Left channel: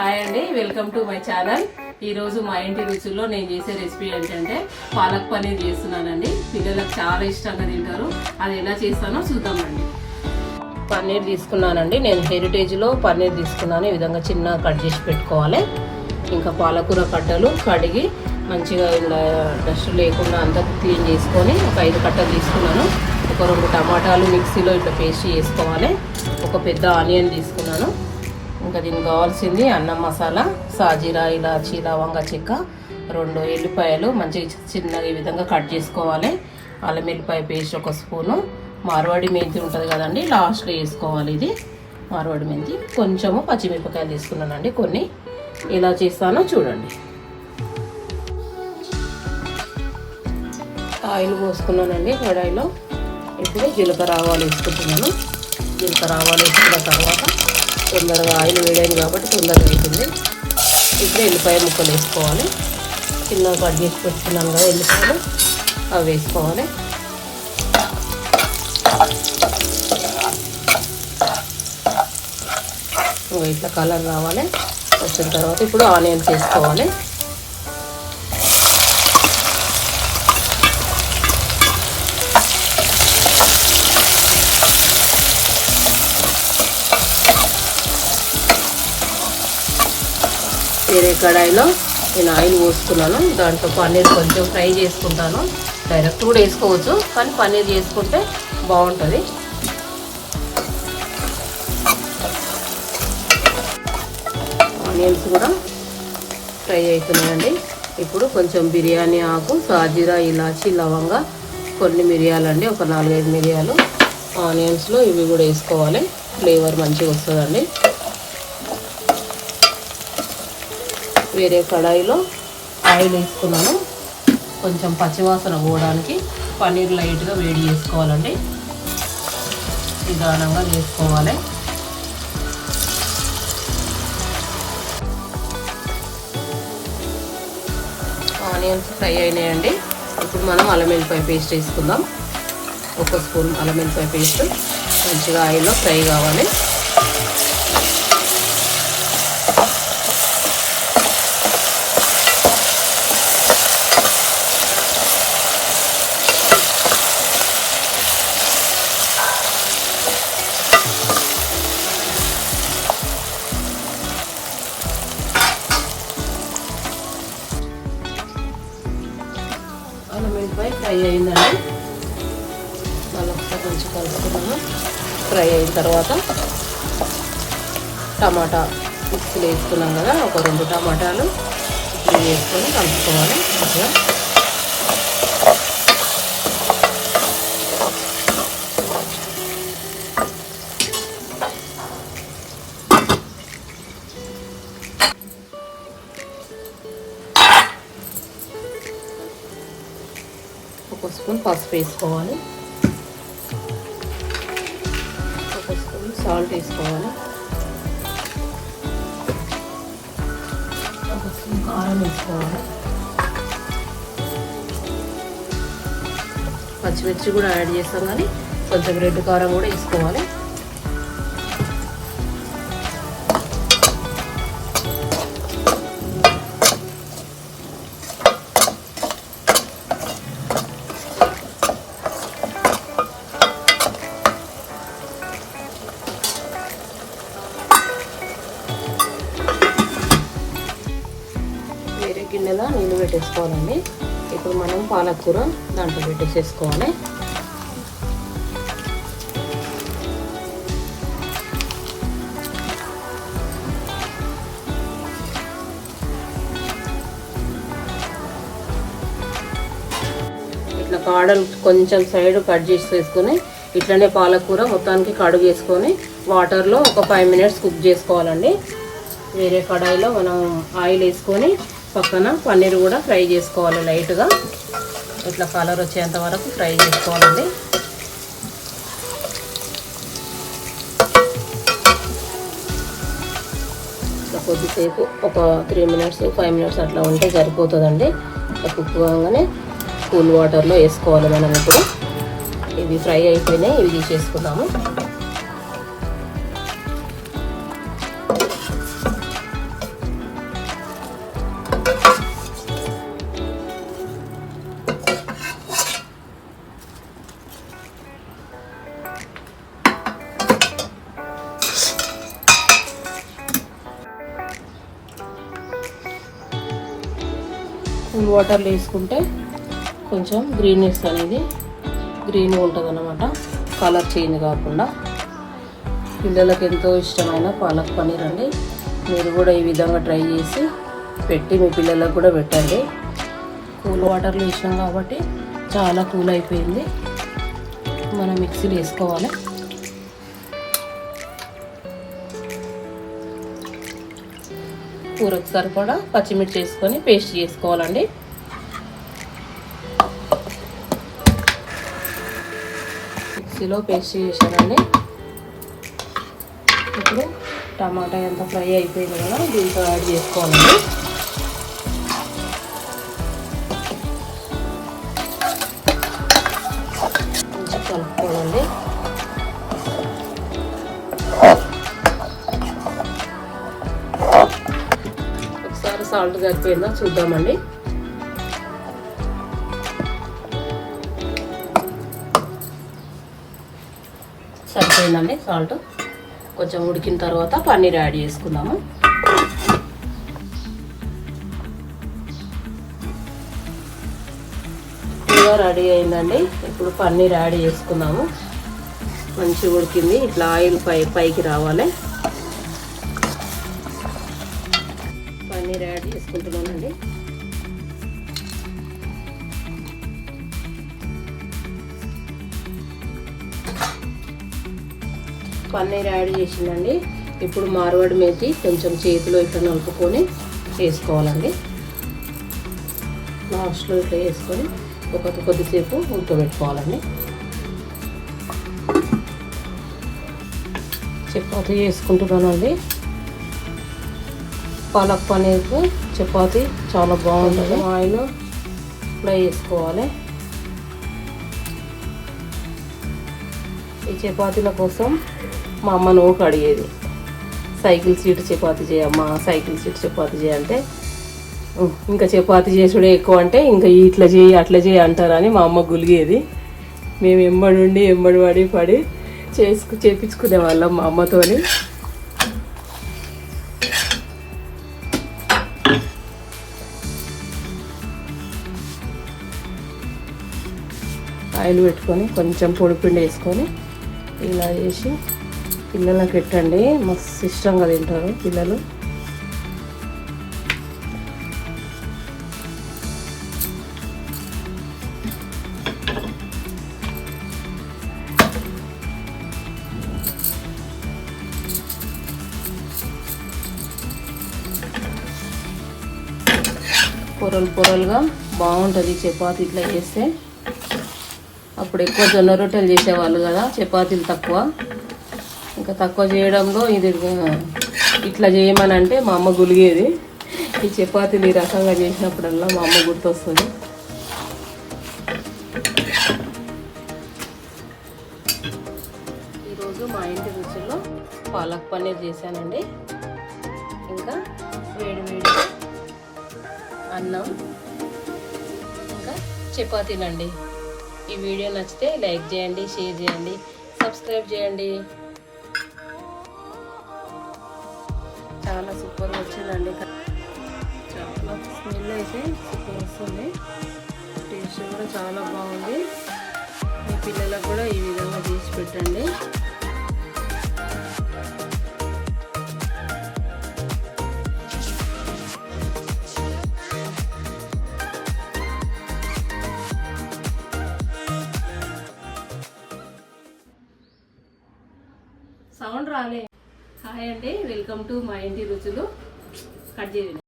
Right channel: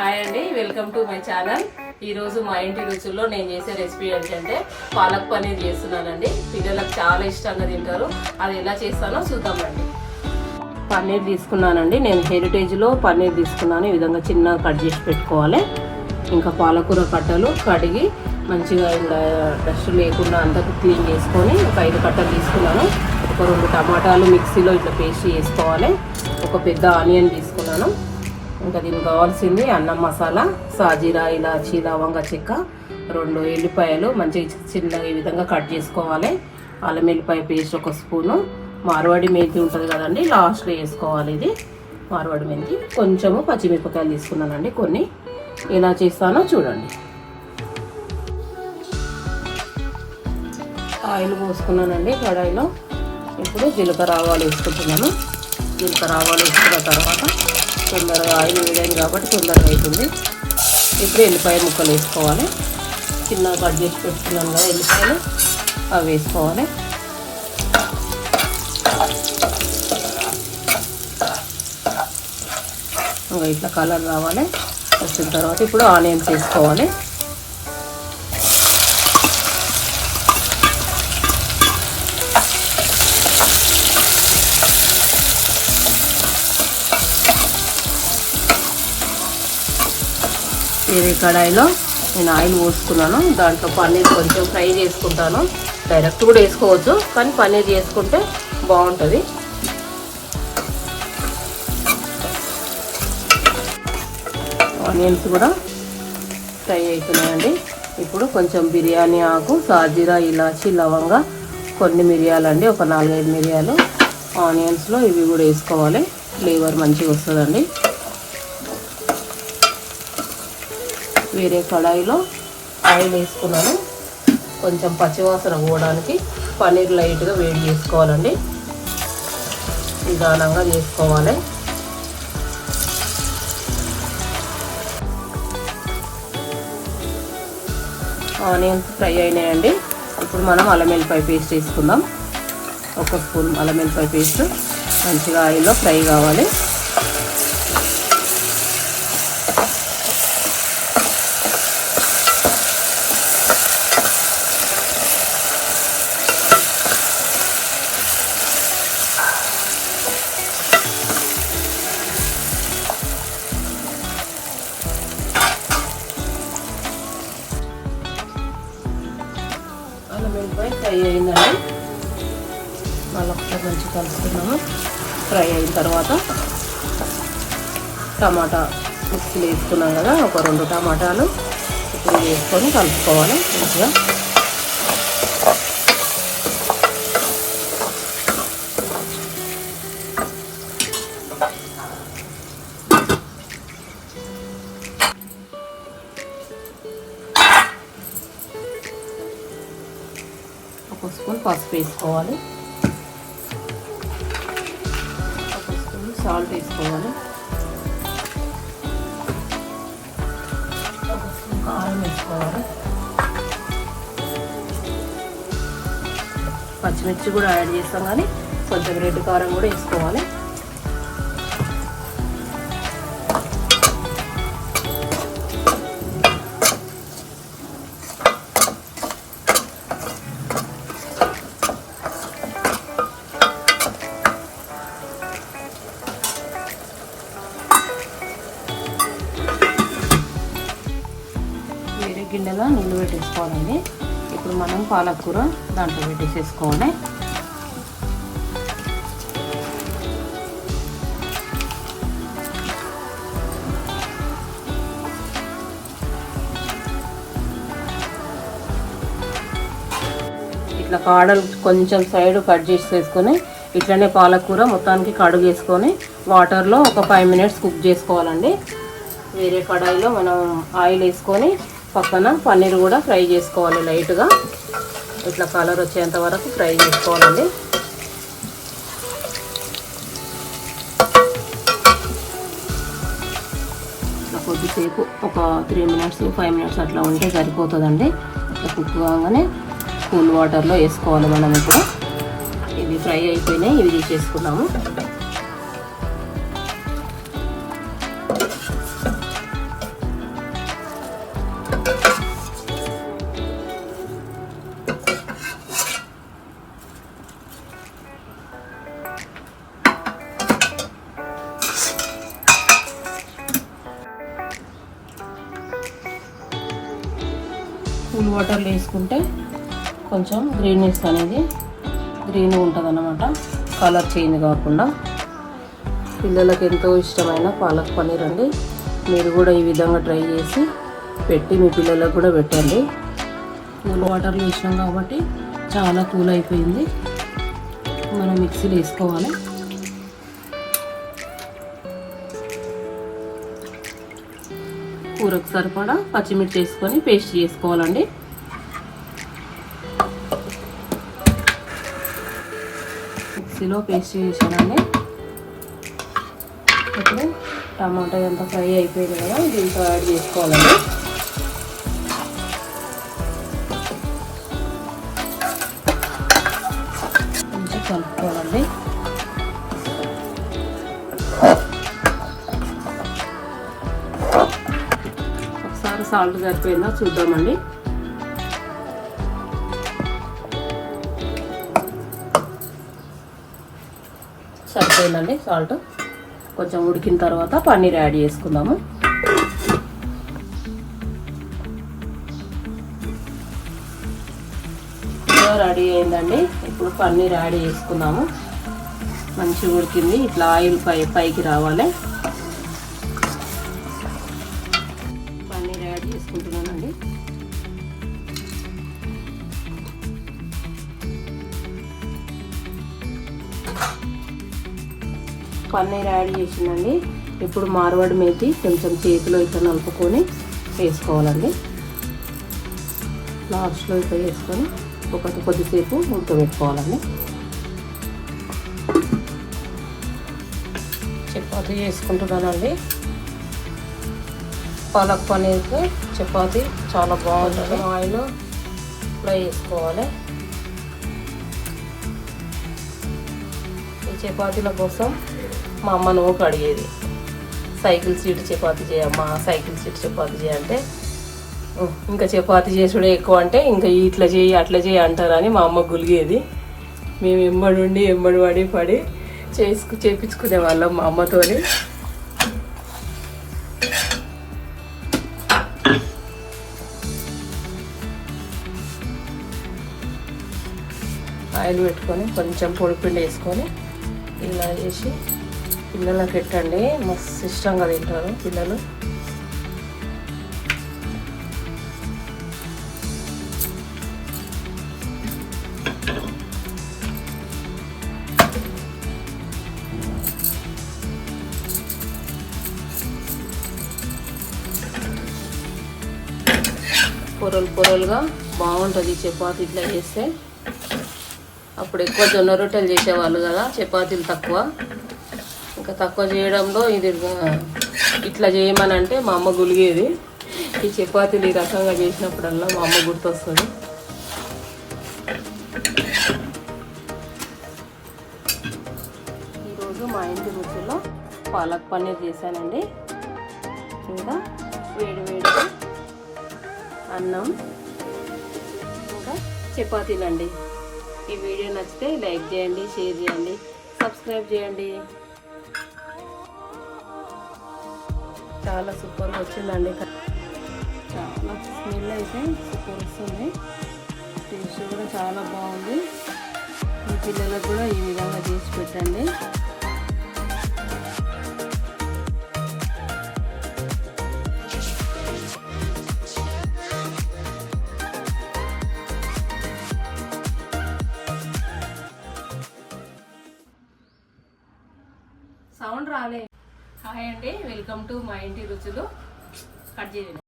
Hi అండి, welcome to my channel. ఈరోజు మా ఇంటి రుచుల్లో నేను చేసే రెసిపీ ఏంటంటే పాలక్ పన్నీర్ చేస్తున్నానండి. పిల్లలకు చాలా ఇష్టంగా తింటారు. అది ఎలా చేస్తానో చూద్దామండి. పన్నీర్ తీసుకున్నానండి. నేను హెరిటేజ్లో పన్నీర్ తీసుకున్నాను. ఈ విధంగా చిన్నగా కట్ చేసి పెట్టుకోవాలి. ఇంకా పాలకూర కట్టలు కడిగి మంచిగా ఇలా డస్ట్ లేకుండా అంతా క్లీన్ చేసుకొని ఒక 5 కట్టలు తీసుకున్నాను. ఒక 2 టమాటాలు మిక్సీలో ఇట్లా పేస్ట్ చేసుకోవాలి. ఒక పెద్ద ఆనియన్ తీసుకున్నాను. ఇంకా దీనికి కావాల్సింది అన్నం మసాలా, సాజీరా, ఇలాచి, లవంగ చెక్క, 2 ఎల్లిపాయలు మంచిగా చిన్నగా ఈ విధంగా కట్ చేసుకోవాలి. అల్లం వెల్లిపాయ పేస్ట్ 1 స్పూను, మార్వాడి మెంతి ఉంటుంది కదండి, లాస్ట్లో వేసుకోవాలి. ఇది మార్వాడి మెంతి. కొంచెము పచ్చిమిరపకాయలు తీసుకున్నానండి. కొన్ని ఎలా చేస్తానో చూడండి. ఆయిల్ పోసుకున్నానండి కడాయిలో. ఇప్పుడు జీలకర్ర ఆవాలు వేసుకుంటున్నాను. జీలకర్ర ఆవాలు వేసుకున్న తర్వాత తొందరగా ఆయిల్ వేయడం కాబట్టి తొందరగా అవుతుంది. ఇప్పుడు ఎల్లిపాయ ముక్కలు వేసుకోవాలి. చిన్నగా కట్ చేసి పెట్టుకున్నాను కదా ఎల్లిపాయలు, అవి వేసుకోవాలి. ఇట్లా కలర్ రావాలి. వచ్చిన తర్వాత ఇప్పుడు ఆనియన్స్ వేసుకోవాలి. వేరే కడాయిలో నేను ఆయిల్ వేసుకున్నాను. దాంట్లో పన్నీర్ కొంచెం ఫ్రై చేసుకుంటాను. డైరెక్ట్ కూడా వేసుకోవచ్చు, కానీ పన్నీర్ చేసుకుంటే బాగుంటుంది. ఆనియన్స్ కూడా ఫ్రై అవుతున్నాయండి. ఇప్పుడు కొంచెం బిర్యానీ ఆకు, సాజీరా, ఇలాచి, లవంగ, కొన్ని మిరియాలండి, ఒక 4-5 మిరియాలు ఆనియన్స్లో ఇవి కూడా వేసుకోవాలి. ఫ్లేవర్ మంచిగా వస్తుందండి. వేరే కడాయిలో ఆయిల్ వేసుకున్నాను. కొంచెం పచ్చివాసన పోవడానికి పన్నీర్ లైట్గా వేడి చేసుకోవాలండి. నిదానంగా వేసుకోవాలి. ఆనియన్స్ ఫ్రై అయినాయండి. ఇప్పుడు మనం అల్లం వెల్లిపాయ పేస్ట్ వేసుకుందాం. 1 స్పూన్ అల్లం వెల్లిపాయ పేస్ట్ మంచిగా ఆయిల్లో ఫ్రై కావాలి. అల్లం వెల్లిపాయ ఫ్రై అయిందండి. మనం మంచిగా కలుపుకున్నాము. ఫ్రై అయిన తర్వాత టమాటా మిక్సీలో వేసుకున్నాం కదా, ఒక 2 టమాటాలు వేసుకొని కలుపుకోవాలి. అట్లా ఒక స్పూన్ పసుపు వేసుకోవాలి. 1 స్పూన్ సాల్ట్ వేసుకోవాలి. 1 స్పూన్ కారం వేసుకోవాలి. పచ్చిమిర్చి కూడా యాడ్ చేస్తాం, కానీ కొంచెం రెడ్ కారం కూడా వేసుకోవాలి. గిన్నెలో నీళ్ళు పెట్టేసుకోవాలండి. ఇప్పుడు మనం పాలకూర దాంట్లో పెట్టేసేసుకోవాలి. ఇట్లా కాడలు కొంచెం సైడ్ కట్ చేసి వేసుకొని ఇట్లనే పాలకూర మొత్తానికి కడుగు వేసుకొని వాటర్లో ఒక 5 మినిట్స్ కుక్ చేసుకోవాలండి. వేరే కడాయిలో మనం ఆయిల్ వేసుకొని పక్కన పన్నీర్ కూడా ఫ్రై చేసుకోవాలి. లైట్గా ఇట్లా కలర్ వచ్చేంత వరకు ఫ్రై చేసుకోవాలండి. ఇట్లా కొద్దిసేపు ఒక 3 మినిట్స్ 5 మినిట్స్ అట్లా ఉంటే సరిపోతుందండి. ఇట్లా కుక్ కాగానే కూల్ వాటర్లో వేసుకోవాలి. మనం ఇప్పుడు ఇవి ఫ్రై అయిపోయినాయి, ఇవి తీసేసుకున్నాము. వాటర్లో వేసుకుంటే కొంచెం గ్రీన్నెస్ అనేది గ్రీన్గా ఉంటుంది అన్నమాట, కలర్ చేంజ్ కాకుండా. పిల్లలకు ఎంతో ఇష్టమైన పాలక్ పన్నీర్ అండి. మీరు కూడా ఈ విధంగా ట్రై చేసి పెట్టి మీ పిల్లలకు కూడా పెట్టండి. కూల్ వాటర్లో వేసినాం కాబట్టి చాలా కూల్ అయిపోయింది. మనం మిక్సీలో వేసుకోవాలి. కూరకు సరిపడా పచ్చిమిర్చి వేసుకొని పేస్ట్ చేసుకోవాలండి. మిక్సీలో పేస్ట్ చేసానండి. ఇప్పుడు టమాటా ఎంత ఫ్రై అయిపోయింది కదా, దీంతో యాడ్ చేసుకోవాలండి. కొంచెం కలుపుకోవాలండి. ఒకసారి సాల్ట్ సరిపోయిందా చూద్దామండి. సరిపోయిందండి సాల్ట్. కొంచెం ఉడికిన తర్వాత పన్నీర్ యాడ్ చేసుకుందాము. రెడీ అయిందండి. ఇప్పుడు పన్నీర్ యాడ్ చేసుకుందాము. మంచిగా ఉడికింది. ఇట్లా ఆయిల్ పైకి రావాలి. పన్నీర్ యాడ్ చేసుకుంటున్నానండి. పన్నీర్ యాడ్ చేసిందండి. ఇప్పుడు మార్వాడి మేతి కొంచెం చేతిలో ఇట్లా నలుపుకొని వేసుకోవాలండి. లాస్ట్లో ఇట్లా వేసుకొని కొద్దిసేపు ఉడకబెట్టుకోవాలండి. చపాతీ చేసుకుంటున్నానండి. పాలక్ పన్నీర్కి చపాతీ చాలా బాగుంటుంది. ఆయిల్ ఫ్రై చేసుకోవాలి. ఈ చపాతీల కోసం మా అమ్మ నోటు అడిగేది, సైకిల్ సీట్ చపాతీ చేయమ్మా, సైకిల్ సీట్ చపాతీ చేయంటే, ఇంకా చపాతీ చేసుడే ఎక్కువ అంటే ఇంకా ఇట్లా చేయి అట్లా చేయి అంటారని మా అమ్మ గులిగేది. మేము ఎంబడి పడి చేపించుకునే వాళ్ళం మా అమ్మతోని. ఆయిల్ పెట్టుకొని కొంచెం పొడిపిండి వేసుకొని ఇలా చేసి పిల్లలకు పెట్టండి. మస్తు ఇష్టంగా తింటారు పిల్లలు. పొరలుగా బాగుంటుంది చపాతీ ఇట్లా చేస్తే. అప్పుడు ఎక్కువ జొన్న రొట్టెలు చేసేవాళ్ళు కదా, చపాతీలు తక్కువ. ఇంకా తక్కువ చేయడంలో ఇది ఇట్లా చేయమని అంటే మా అమ్మ గులిగేది. ఈ చపాతీలు ఈ రకంగా చేసినప్పుడల్లా మా అమ్మ గుర్తొస్తుంది. ఈరోజు మా ఇంటి రుచిలో పాలక్ పన్నీర్ చేశానండి. ఇంకా వేడి అన్నం, ఇంకా చపాతీలండి. ఈ వీడియో నచ్చితే లైక్ చేయండి, షేర్ చేయండి, సబ్స్క్రైబ్ చేయండి. చాలా సూపర్గా వచ్చిందండి. చాలా స్మెల్ అయితే సూపర్ వస్తుంది. టేస్ట్ కూడా చాలా బాగుంది. మీ పిల్లలకు కూడా ఈ విధంగా చేసి పెట్టండి. సౌండ్ రాలే. హాయ్ అండి, వెల్కమ్ టు మా ఇంటి రుచులు. కట్ చేయండి.